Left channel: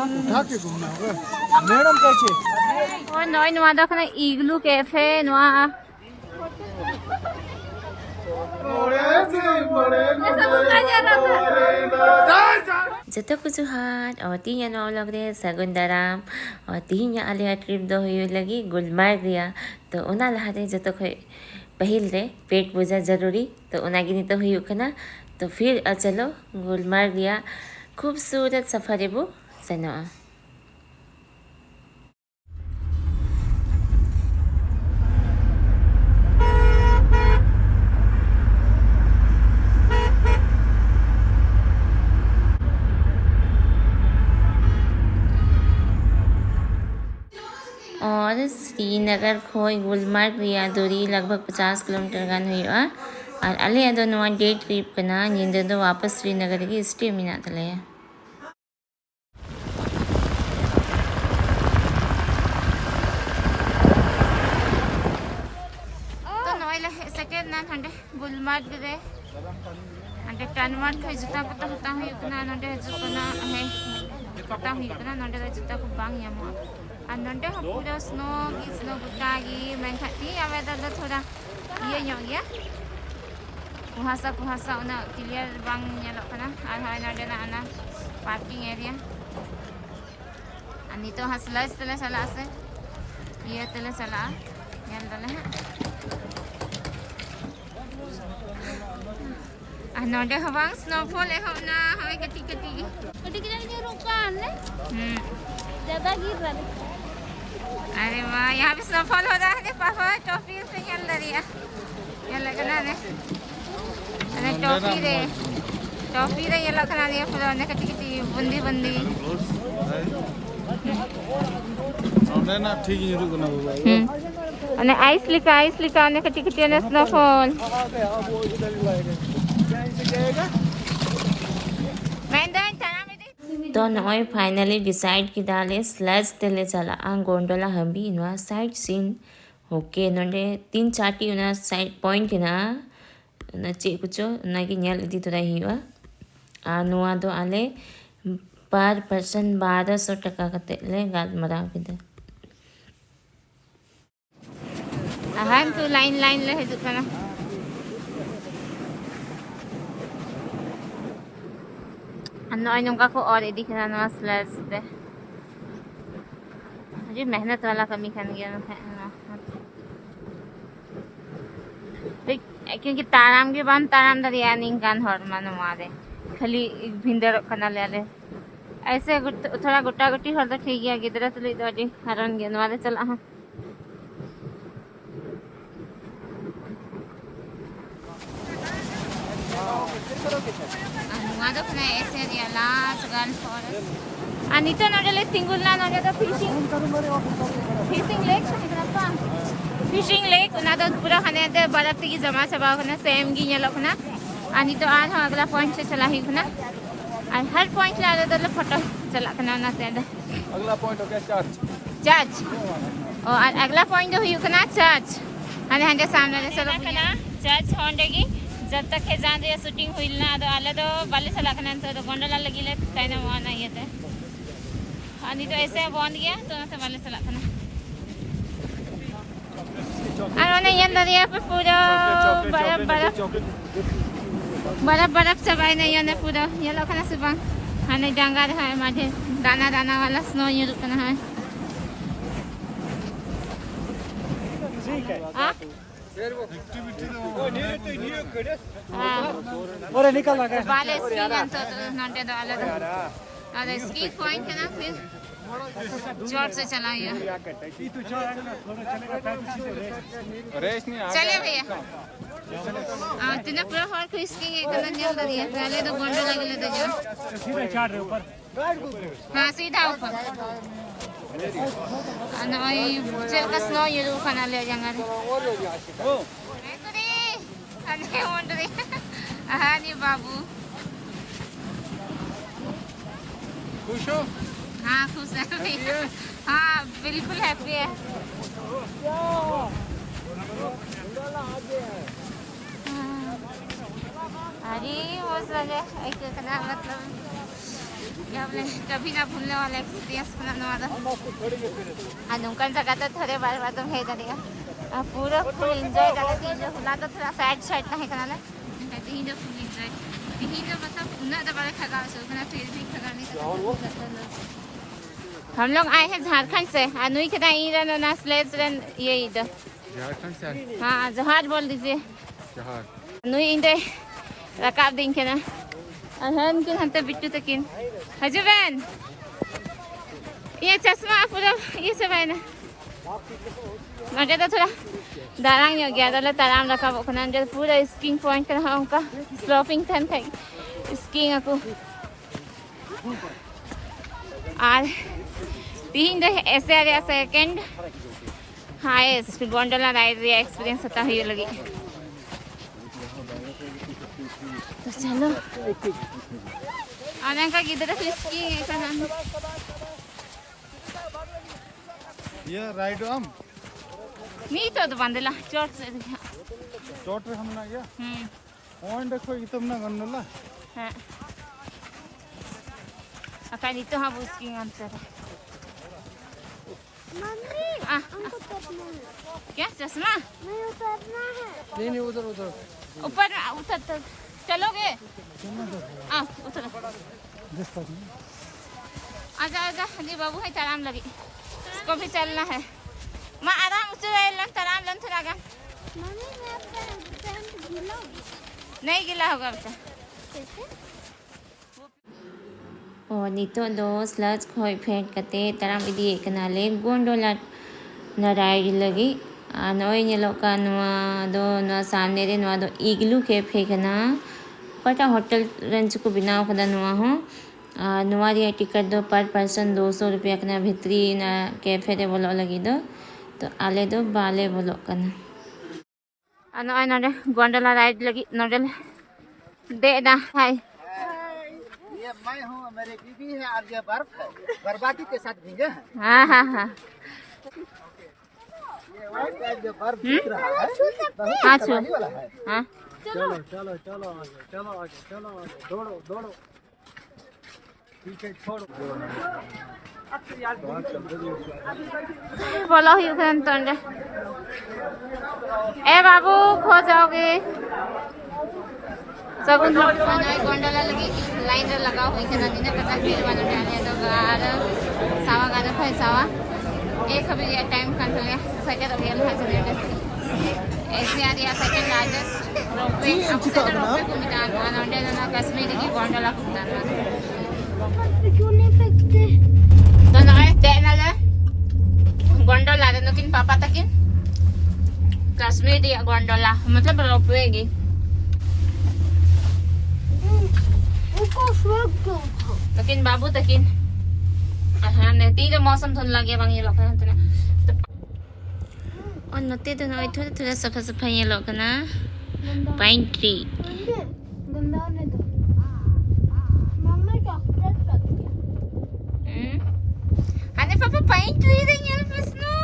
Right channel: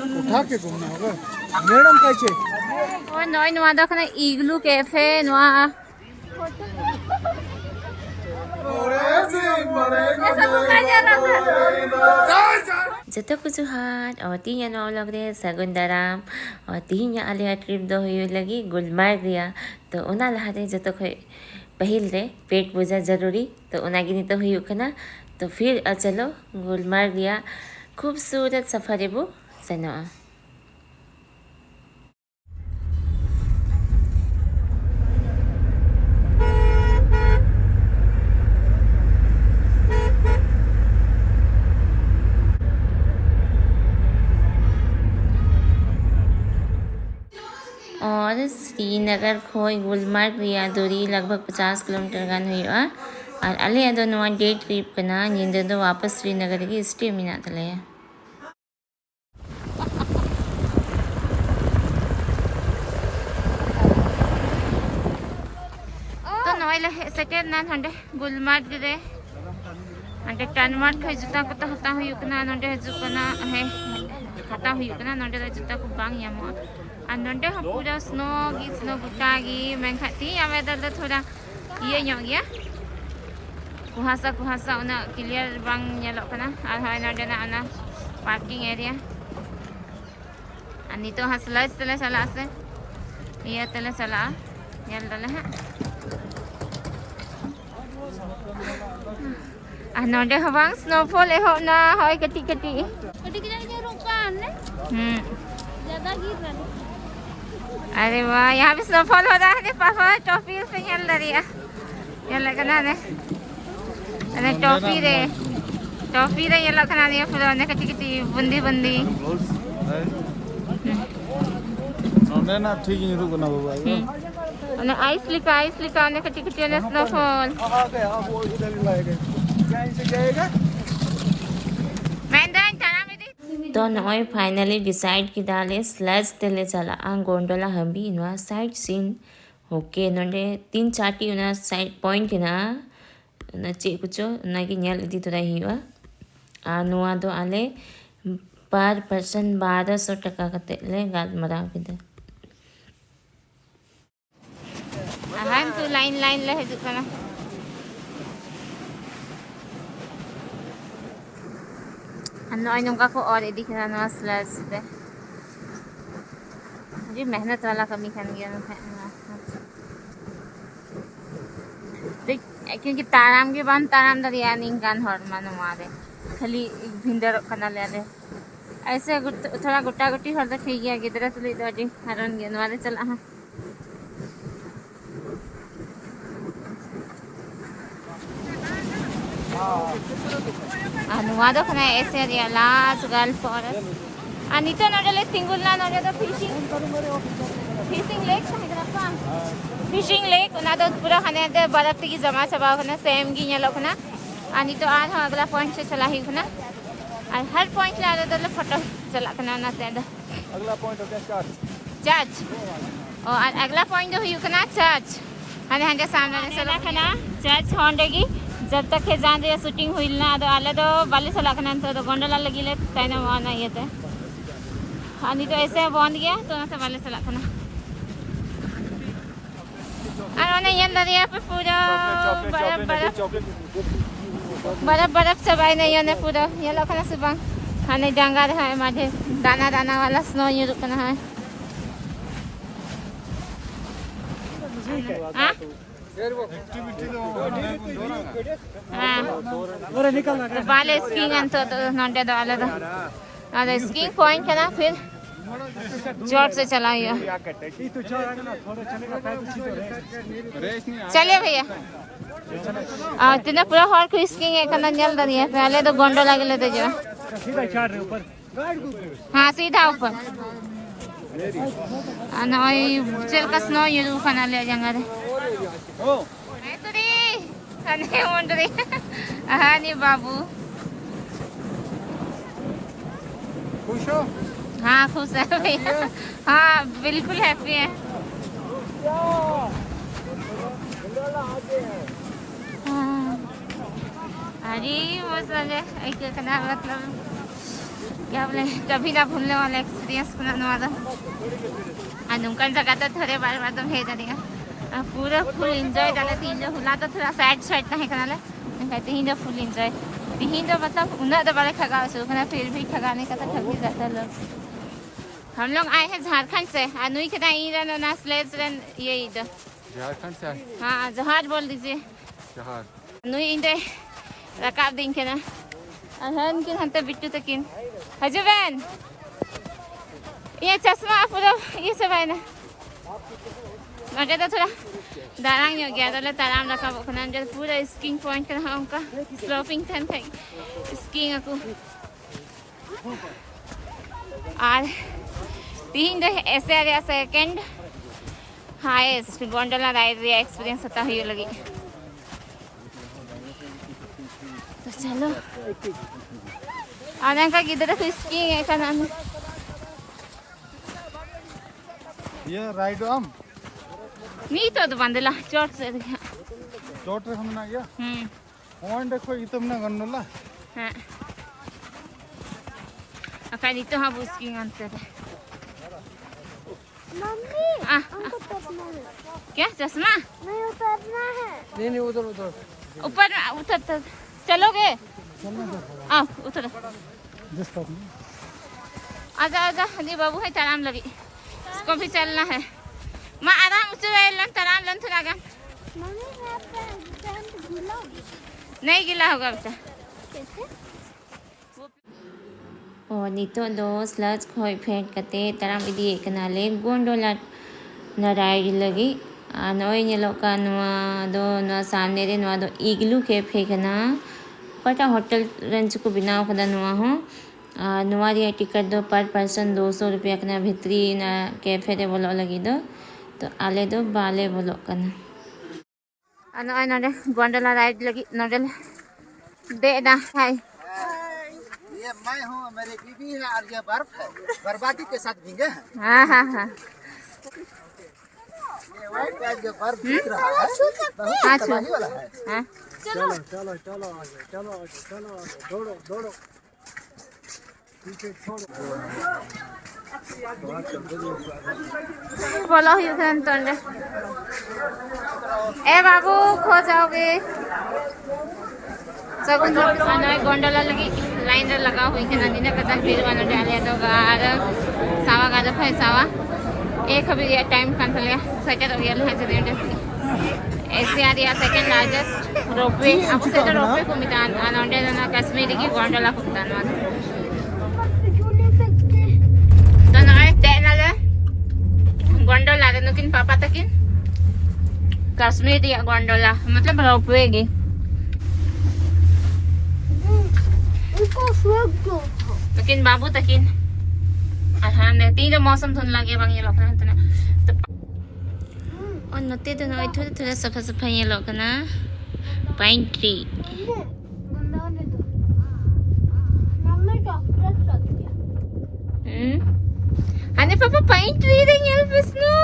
उठा के घूमना होगा मैडम कैसे और नॉय नवा दा खना इग्लू कैफे नवा जतो कुजुहाट और तीन नौ लग रहे सगुन दाराम और तीन या आलिया ट्रिप दो हुई लगी गुलमर्ग रिया तो उना लहाते जतो खोई पहिल रे पेट पूजा जरूरी तो उना गिनी तो हुई खना तो फिर चलो गुलमर्ग रिया खूबसूरत सफर बो सनो और श्रीनगर खोई गुलमर्ग रिया दूरी लगभग 50 किलोमीटर गान हुई और अले अदो नवा डे ट्रिप कना निंदे दो वापस श्रीनगर की स्टे मिना तले तो नोइले सेकेंड ना हंडे गुलमर्ग रे हंडे टनमार्ग खै जुता को तो हता हुई कना नंडे जुकना है हता हुई कना नंडे जुता को बांग यामो नंडे पूरा स्नो गुटागी मैं खाती वेदर दो थोड़ा ये ᱧᱚᱜ गया कुहासा उना क्लियर बांग ñeलok kana ar hay नंडे ना ana पार्किंग एरिया अनि तो हसलज तले चला से ये तले चला ñel dale ha नंडे हवांग स्नोफॉल एहो ना होय कटी कटी ये रुकान ने ज्यादा गिर रहा अरे वाह यहाँ भी स्नोफॉल हो रहा है पापा टॉफी से चल रही है ये लगना ने अरे टॉफी रे ये लगना ने फिर ने कटी कटी बंदी नोंडे ना ठीक ही रुकना होगा અને આઈસ લીકા અને કટી કટી અને સ્નોફોલ तो नॉय फाइनली डिसाइड की डाले स्लज तेले चला गोंडोला हम भी इनवा साइड सीन ओके नोंडे 3-4 टी उना साइड पॉइंट ना ना चे कुछो ना की ᱧᱮᱞ इदी तो रही हुआ नुआ दो आले पर पर्सन 1200 टका कते ले गाल मरा किदे हम तो लाइन ले हिजु kana अन्नो नोंका को और इदी खना ना स्लज पे जी मेहनत वाला कमी खान गया ना देख क्योंकि ताराम के बान ताराम दरिया निंगान हर मानो मारे खाली भिंदर खाना ले आले ऐसे थोड़ा गुट्टा गुट्टी हर तो ठीक गया गिदरा तुली तो जी हरन गया वाले चला हां अनुवादो खना ऐसे एरिया लास्ट गल्फ फॉरेस्ट अनिता नजले सिंगल ना नजले तो fishing lake Hyderabad fishing lake ना तो पूरा खने के बर्फ की जमा छबा खना सेम की ñeलो खना अनि तो आर अगला पॉइंट से चला ही खना और हर पॉइंट ला दे फोटो चला खना ना से अगला पॉइंट हो गया चर्च और अगला पॉइंट हो खना चर्च अने हंडे सामने से खना चर्च होंडेगी जब तक है जान रे शूटिंग हुई ना तो आले तो बाले से लगना तो गोंडला लगिले तने वाना ये थे अनि तो ऐसे बंद गया तो से बाले से लगना अने ये दरिया पे पूरा बर्फ सब आई नहीं ने पूरा ये लगना से बंग अने जंगल है माथे दाना वाला स्नो ये रुकना है हां एक्टिविटी तो और निकल लगा बाले स्कीइंग अंतो तो नंटे दो आले तो अरे स्कीइंग पॉइंट है ना फिर जोर से चलाइए चलिए भैया तिने पूरा हॉल को स्कीइंग है करना जल दनी है पहले तो गोंडोला के लेते जो सीधा चढ़ रहे ऊपर हां सीधा ऊपर अनोई चल का स्नो ये खाना ले जाएंगे ओ मैं तो रे अने ओंडरे हानी बाबू खुश हो हाँ खुश है भैया हाँ बिल्कुल हैप्पी है अरे वो सजे ऐसे करना मतलब क्या बोले कभी ना भूलने वाला एक्सपीरियंस को ना वाला अनुकन जगह तो थोड़े बार बार तो है जानेगा पूरा फुल एंजॉय डाले थी जो हुला तो थोड़ा सैड सैड ना है करना कहते ही जो फुल एंजॉय ही जो मतलब उन्हें तो बड़े खगा सुखना फिर भी खगाने का तो हम लोग आए हैं झारखंड से अनुई के ना स्लेज ये इधर झारखंड से हाँ जहाज बोल दीजिए जहाज अनुई इंदे रकाब दिन के ना अहन के हंते बिकते तकिन हजूबन ये चश्मा पूरा ये सब है ना मजे तो थोड़ा दारांग हो गया तो ताराम रखा वो खना जो पूरा स्कीइंग पॉइंट कर रहा उनका स्लोपिंग थे स्कीइंग को और तीन जो ऐसे आ गया सेकंड हाईएस्ट गोंडोला राइड रिया एक्सपीरियंस होता हुई लगी तो चलो आने का किधर तो स्कीइंग है का नाम ये राइड हम नहीं तो बंदला चोट से चोट से सुनना क्या वन देखो इतने गन्नला हाँ अका नहीं तो हाँ बुस्किंग अंतर मम्मी क्या चश्मा नहीं उतरना है नहीं उधर ऊपर उतर चलोगे चलना तो आओ उतर आजा आजा जी बाबू है आराम लगी इसको भी चलना है माँ आराम से आराम लन थोड़ा गा नहीं गिला होगा बच्चा और नितो दो स्लज खोई फेंट कते तराम इदी कनाले गोंडोला नराई लगी नोई नेलो का नुआ दो नुआ सामने दे नुआ दो इग्लू के फेंकना पटा होटल रंच को बिना खुदा नुआ हो नुआ दिया टिकट दो पर पर्सन 200 रुपया कना भितरी ना कैफे दे बोलो लगी दो तो आले दो बाले बोलो कना अनो नोडे गोंडोला राइड लगी नोडे दे ना हाय ये मैं हूँ मेरी बीवी है और ये बर्फ है बर्बादी के साथ भीगे हैं हाँ हाँ हाँ ये व्हाइट है जो बर्फ दिख रहा है बहुत हाँ तबाही वाला है हाँ चलो चलो चलो आगे चलो आगे चलो आगे दौड़ो दौड़ो पीछे छोड़ो बोलो ही उधर तोंडे ए बाबू खो जाओगे सब लोग अनाय गोंडोला लगी लाइन रे लगा हुई है नदी ने कचा फिर वाला डाले तो गार सावा गार है सावा एक अभी ये टाइम कैंसिल है सेकंड अभी है चले ऐसे आ रहा सेकंड लार्जेस्ट रोपवे आपको से रोपवे को मिटा अनोंडे ना कश्मीर की गोंडोला को मिटाना तो ना तेना ले गोंडोला रे लेकिन पापा तकिन कश्मीर या गोंडोला मतलब रोपवे की लेकिन बाबू तकिन हाँ नहीं तो मौसम धुन लगे बंगी लोग ना तो और नते तो ना थोड़ा थोड़ा सफा सफा ये लोग ना पाइन ट्री अने पापा पाइन ट्री देंगे पे स्नो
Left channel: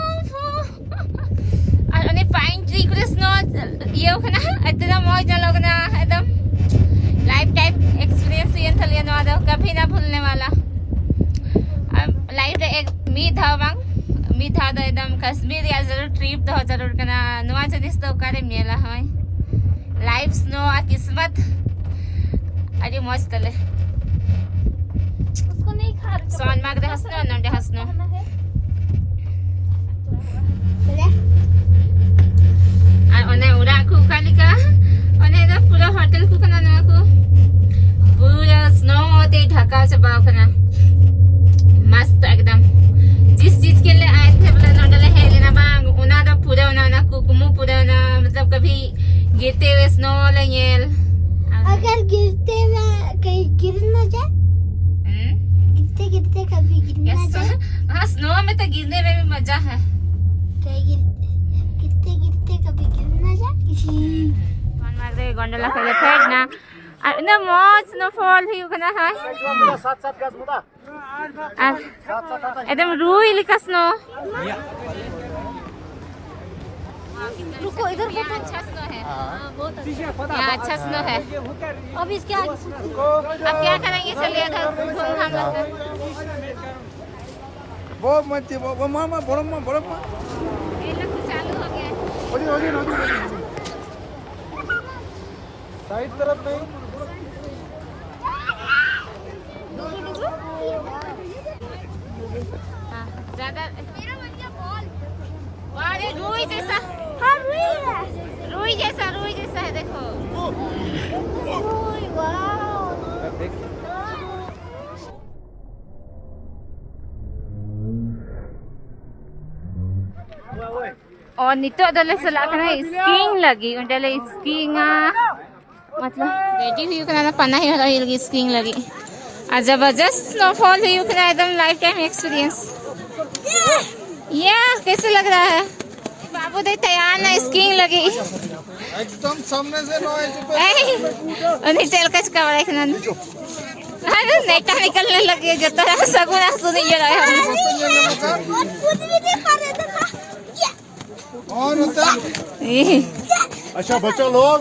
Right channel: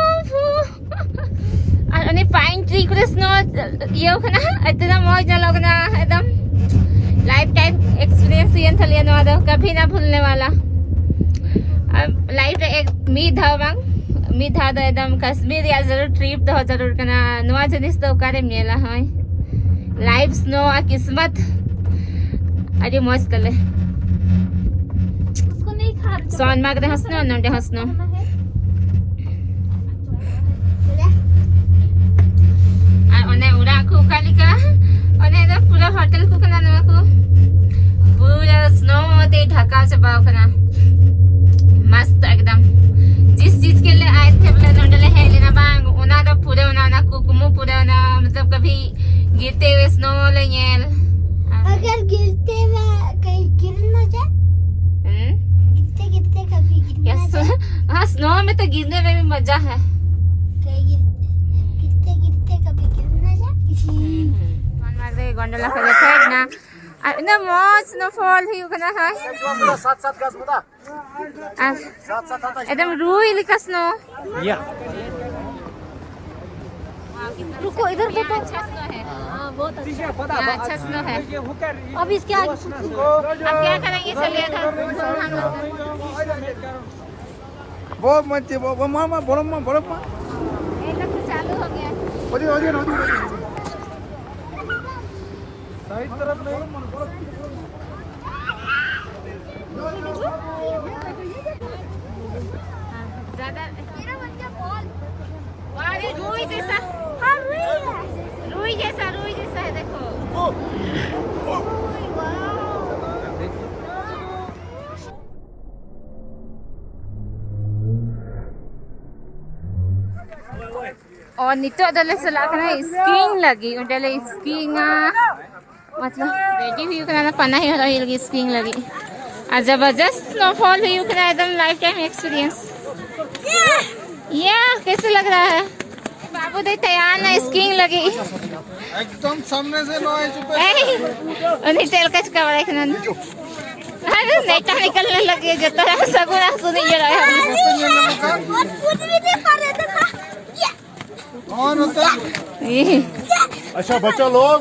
अने पाइन ट्री को स्नो ये हो ना इतना मौज ना लोग ना एकदम लाइफ टाइम एक्सपीरियंस ये था लिया दो कभी ना भूलने वाला लाइफ एक मी था तो एकदम कश्मीर या जरूर ट्रिप तो जरूर करना नुआ जिनिस तो करे मेला है लाइफ स्नो आ किस्मत अरे मस्त तले उसको नहीं खा सोन माग दे हंसनो नंडे हंसनो ओने उड़ा को कालिका ओने तो पूरा होटल को कना ना को पूरा स्नो ते ढका से बाव कना मस्त एकदम जिस चीज के लिए आए थे अपना नोडले है लेना बांग उना तो पूरे उना कुकुमो पूरे उना मतलब कभी गिरते हुए स्नो लेंगे अगर गिरते हुए कहीं गिर न जाए गिरते गिरते कभी गिर न जाए हाँ स्नो में तो गिरने में भी मजा है कहीं गिरते गिरते कभी गिर न जाए इसी कौन मार दे गोंडोला खेले फेट ना ना मौज स्नोफॉल ही कना है सात सात गज मुदा एकदम रुई लिखा स्नो या रुको इधर यहाँ अच्छा स्नो है। बहुत अच्छा, यहाँ अच्छा स्नो है। अब इसके आगे अब क्या करेंगे? चलिए घर घूम हम बहुत मजे वो मामा बड़ा ये लोग तो चालू हो गया है। साइड तरफ नहीं हाँ, ज्यादा अरे रुई जैसा रुई जैसा है देखो। और नितो दले से लाकना स्कीइंग लगी उंडले स्कीइंग मतलब रेडी हुई करना पना ही वाला लगी स्कीइंग लगी और जबरदस्त स्नोफॉल हुई उकरा एकदम लाइफ टाइम एक्सपीरियंस। ये कैसे लग रहा है? बाबू दे तैयार ना स्कीइंग लगी एकदम सामने से उन्हें चल कच का बड़ा खना अरे नेटा निकलने लगे जो तरह सगुना सुनी जा रहा है और कुछ भी नहीं कर रहे थे। और होता अच्छा बच्चा लोग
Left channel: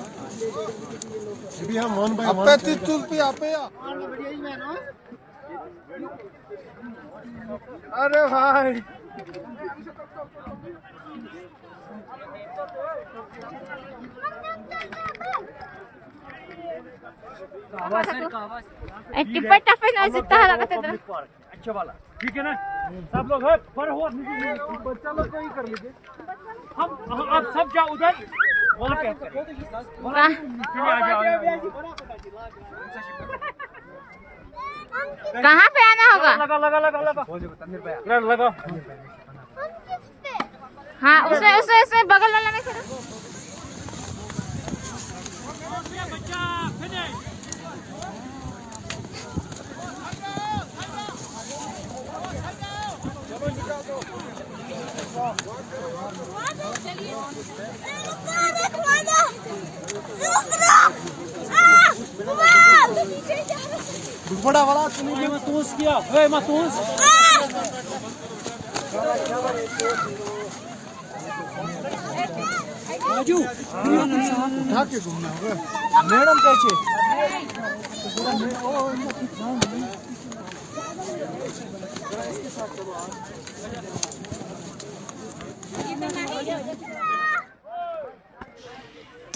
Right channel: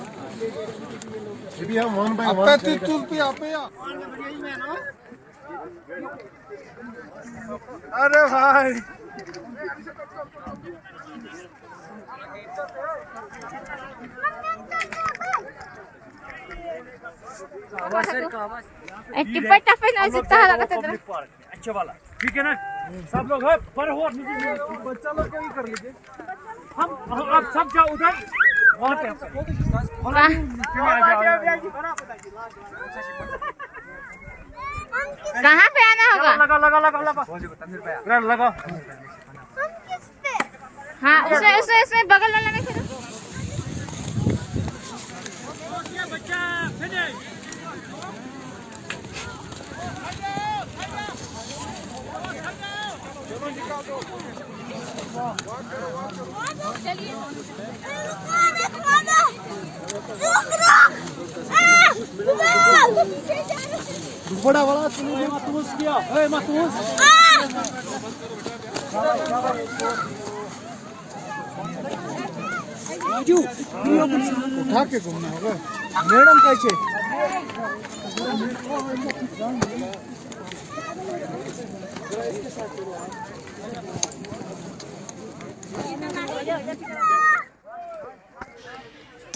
ये भी हम 1 by 1 तुलती आपे अरे भाई टिप्पा टप्पे ना जितना लगता है अच्छा वाला ठीक है ना सब लोग पर हो बच्चा लोग को ही कर लीजिए हम आप सब जाओ उधर वहाँ पे कहाँ पे आना होगा? लगा हाँ उसमें बगल वाला में करो। बड़ा वाला तुमने मतूस किया ए मतूस राजू उठा के घूमना होगा मैडम कैसे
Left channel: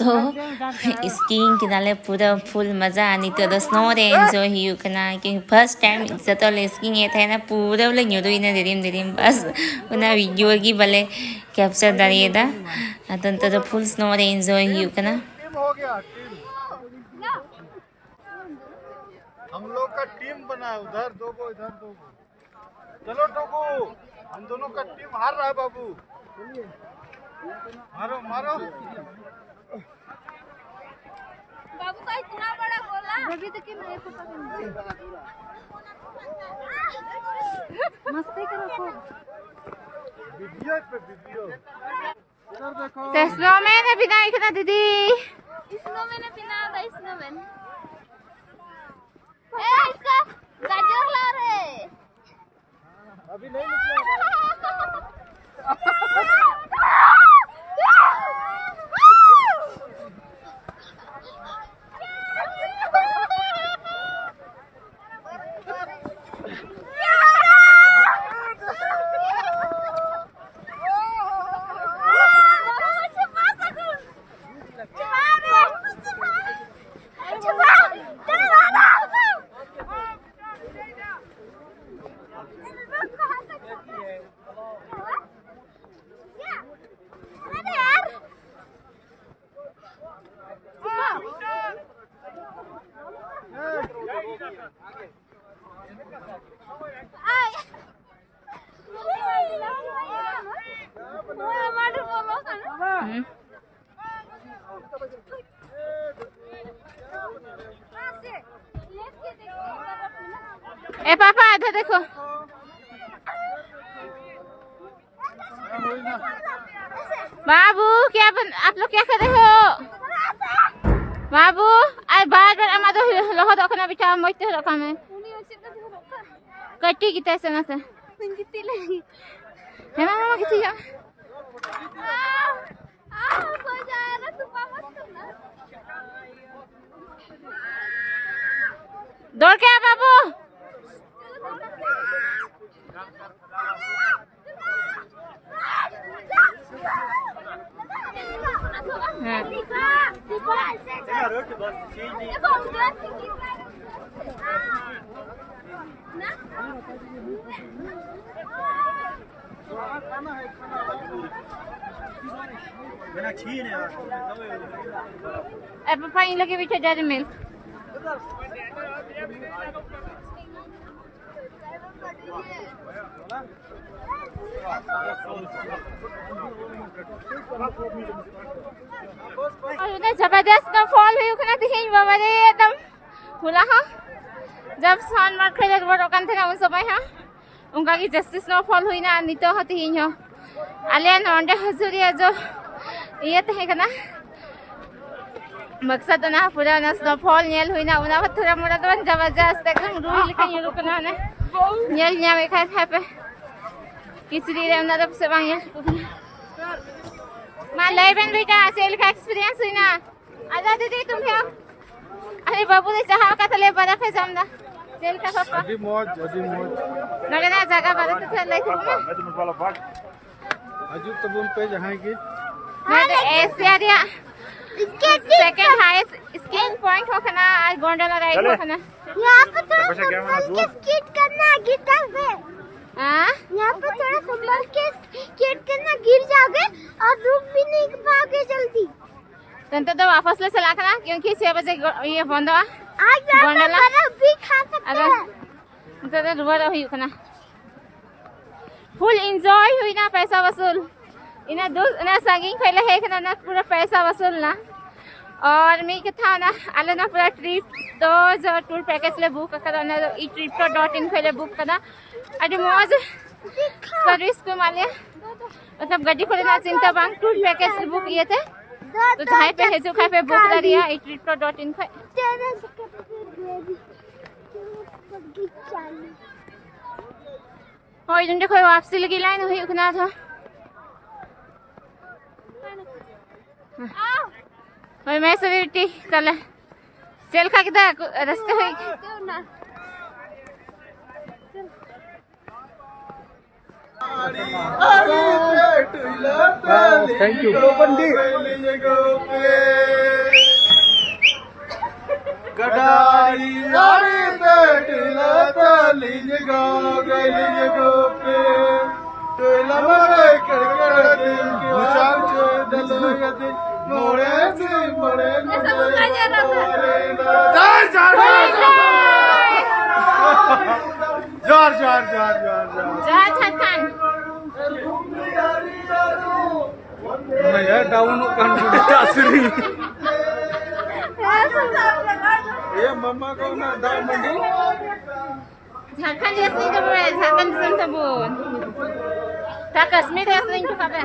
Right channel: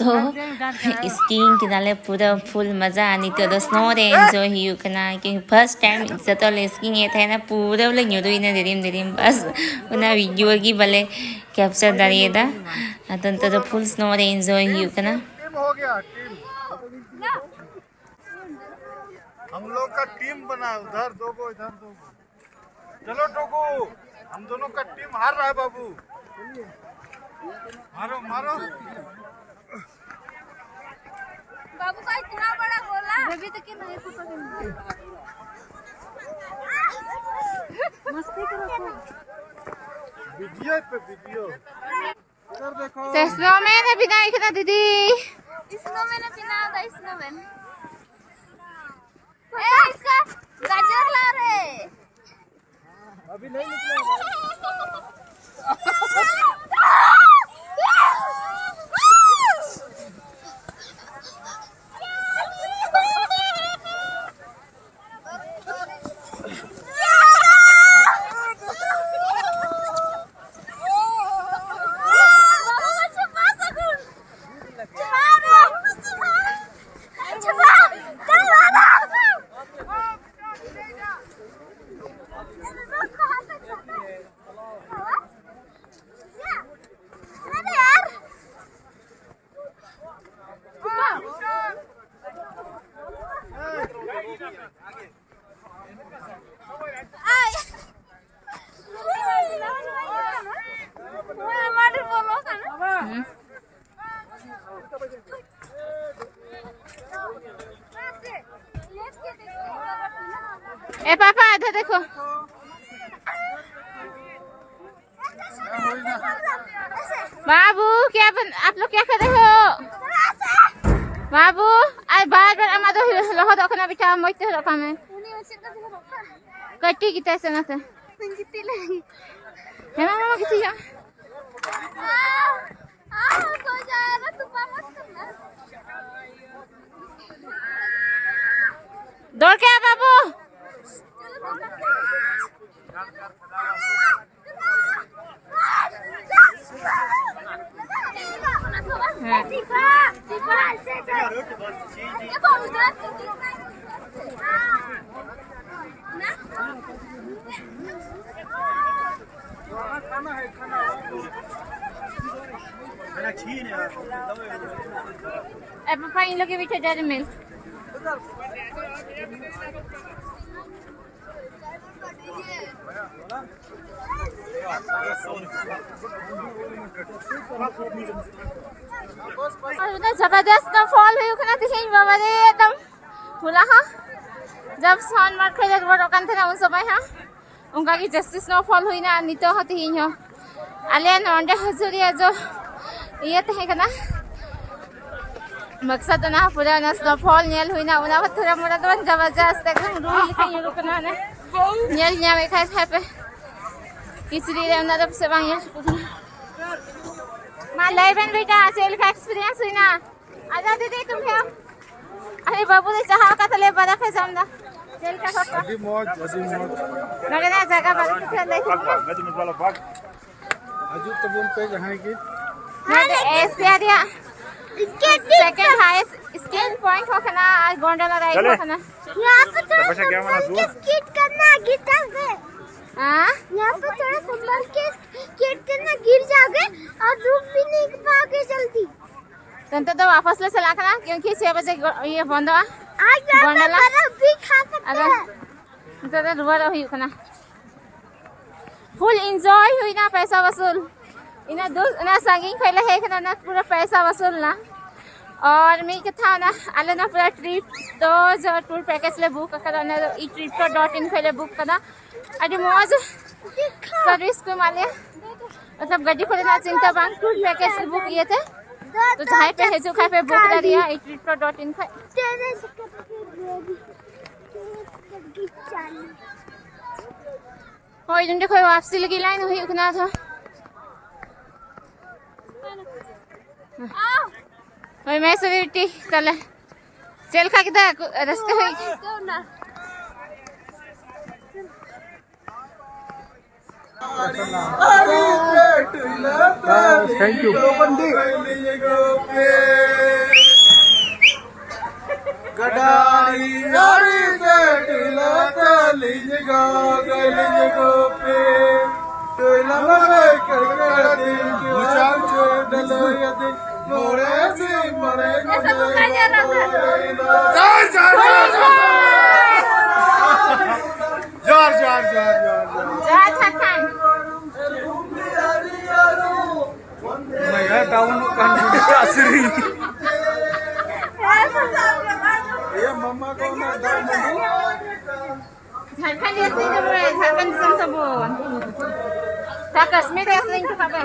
तो स्कीइंग किनाले पूरा फुल मजा आनी तो स्नो रे एंजॉय हियो कना कि फर्स्ट टाइम जतले स्कीइंग ये था ना पूरा ले न्यूदो इन दिरिम बस उना वीडियो की भले कैप्चर दरिएदा अतन तो फुल स्नो रे एंजॉय हियो कना। हो गया टीम हम लोग का टीम बना है उधर दो गो इधर दो गो चलो टोकू हम दोनों का टीम हार रहा है बाबू मारो मारो बाबू का इतना बड़ा गोला अभी तक नहीं मस्ती करो वीडियो पे वीडियो इधर देखो तो स्नोमैन अभी ना इतना दीदी स्नोमैन बिना द स्नोमैन ए इसका गाजर ला रे अभी नहीं निकला ए पापा इधर देखो बाबू क्या आप लोग क्या कर रहे हो बाबू आज बार बार अमा दो लोहा दो खाना बिठा मोइते हो रखा में कट्टी की तैसे ना तो है मामा किती जा सो जाएगा तूफान मत करना दौड़ के आ बाबू पानी लगे पीछे जा रहे मिल्क और उधर जबरदस्त फॉल हुई उखना थी बाबा रे एकदम हुला हा जब सोनमार्ग खेले वो रोकन थे ना उन सब हाँ उनका की जस्टिस स्नोफॉल हुई ना नितो होती ही हो आलिया नॉन्डे हजूरिया जो ये तो है क्या ना मकसद ना पूरा ना स्नोफॉल नेल हुई ना उन्हें थोड़ा मोड़ा तो जबरदस्त एकदम रूल लिखा ये रुकना ना नेल यहाँ देखा था पे किसी रे उन्हें तब से बांगे माँ लेवन बेटा सेल का एक्सपीरियंस हुई ना आजा दीदी तुम क्या अरे बाबू ने चाहा का तले बर्फ है जमना सेल का पापा अजी मौज लगे ना जगह बर्फ तो चल रही थी अजी तो बोल पे जहाँ की मैं एशिया दिया सेकंड हाईएस्ट स्कीइंग पॉइंट हो खाना और गोंडोला राइड हो खाना यहाँ पे थोड़ा संभल के स्कीट करना गिर जाओगे हाँ यहाँ पे थोड़ा संभल के स्कीट करना गिर जाओगे और रुक भी नहीं पाओगे जल्दी तो वापस ले चला खाना क्योंकि 6 बजे ये बंद हुआ आज गोंडोला भी खा सकते अगर हैं तो रुआ रही खाना फुल एंजॉय हुई ना पैसा वसूल इन्हें दूर ना संगीन पहले है कि ना पूरा पैसा वसूल ना और मैं क्या ना आले ना पूरा ट्रिप तो जो टूर पैकेज ले बुक करा ना ई trip.in पहले बुक करा अरे मौज सर्विस को माले मतलब गाड़ी खोले ना चिंता बांग टूर पैकेज बुक किए थे तो जहाँ पे है जो खाए पे बुक कर दिया ई trip.in पे और इधर देखो वापसी लगी लाइन हुई उखना था और मैं सवेरे चले चल खा के रास्ते हुई थैंक यू गडारी नारी तेला तेलिज गो पे तेला मरे कर दिल के वाल चो दल यदि मोरे से मरे जार छान नया डाउन कंट्री ये मम्मा को ना दाम मंडी झारखंड असलिंग तो बे झारखंड दिसम तो बोन ता कश्मीर असलिंग तो काबे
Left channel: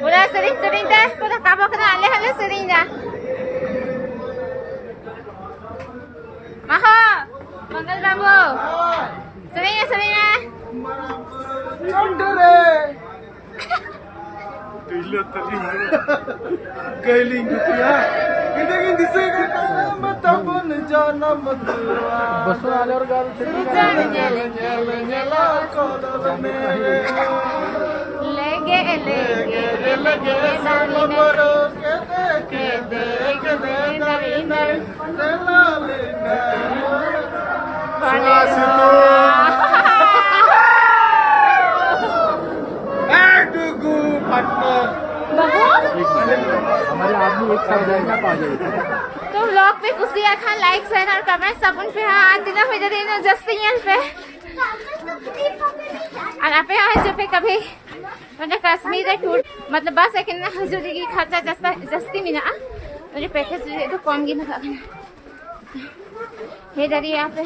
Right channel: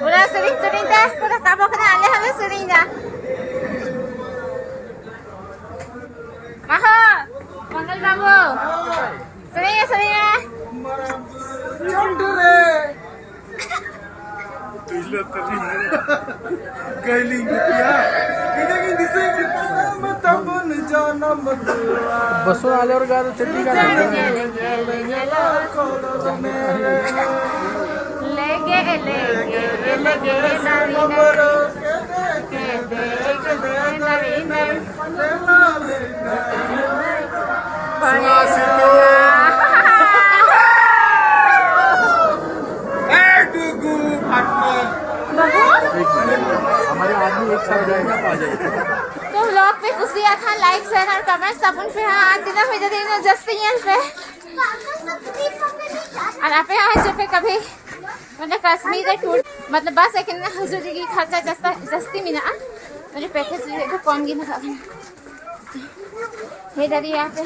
पूरा सरिंग ता पूरा काबो कना आले हले सरिंग दा महा मंगल बाबू सरिंग चंडरे इल्लो तभी गैली गुपिया इधर दिसे मत बन जाना मदवा बसो वाले और गाड़ी चली ला कोलर मेरे लगे मरो के देख नवीन लेला लेना बने बाबू हमारे आदमी एक साथ जाएगा तो आ जाएगा तो व्लॉग पे कुसिया खान लाइक शेयर और कमेंट सब उन पे हाथ देना हो जाते हैं जस्ट यहाँ पे और आप यहाँ जो पे कभी मतलब कश्मीर टूर मतलब बस एक हजूरी की खर्चा जस्ती मिला मुझे पैकेज तो कौन की ना हे डरी यहाँ पे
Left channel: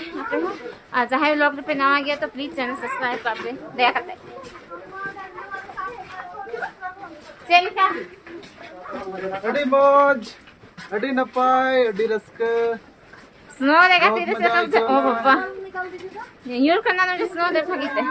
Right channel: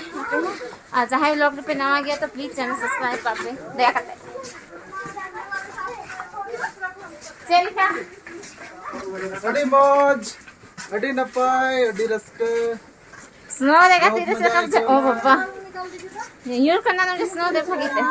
और जहाँ व्लॉग पे नवा गया तो प्लीज चैनल सब्सक्राइब कर पे दया करते चल क्या अड़ी मौज अड़ी नपाय अड़ी रस्क स्नो देखा तेरे से ओ बाबा यूर करना ना स्नो देखा किते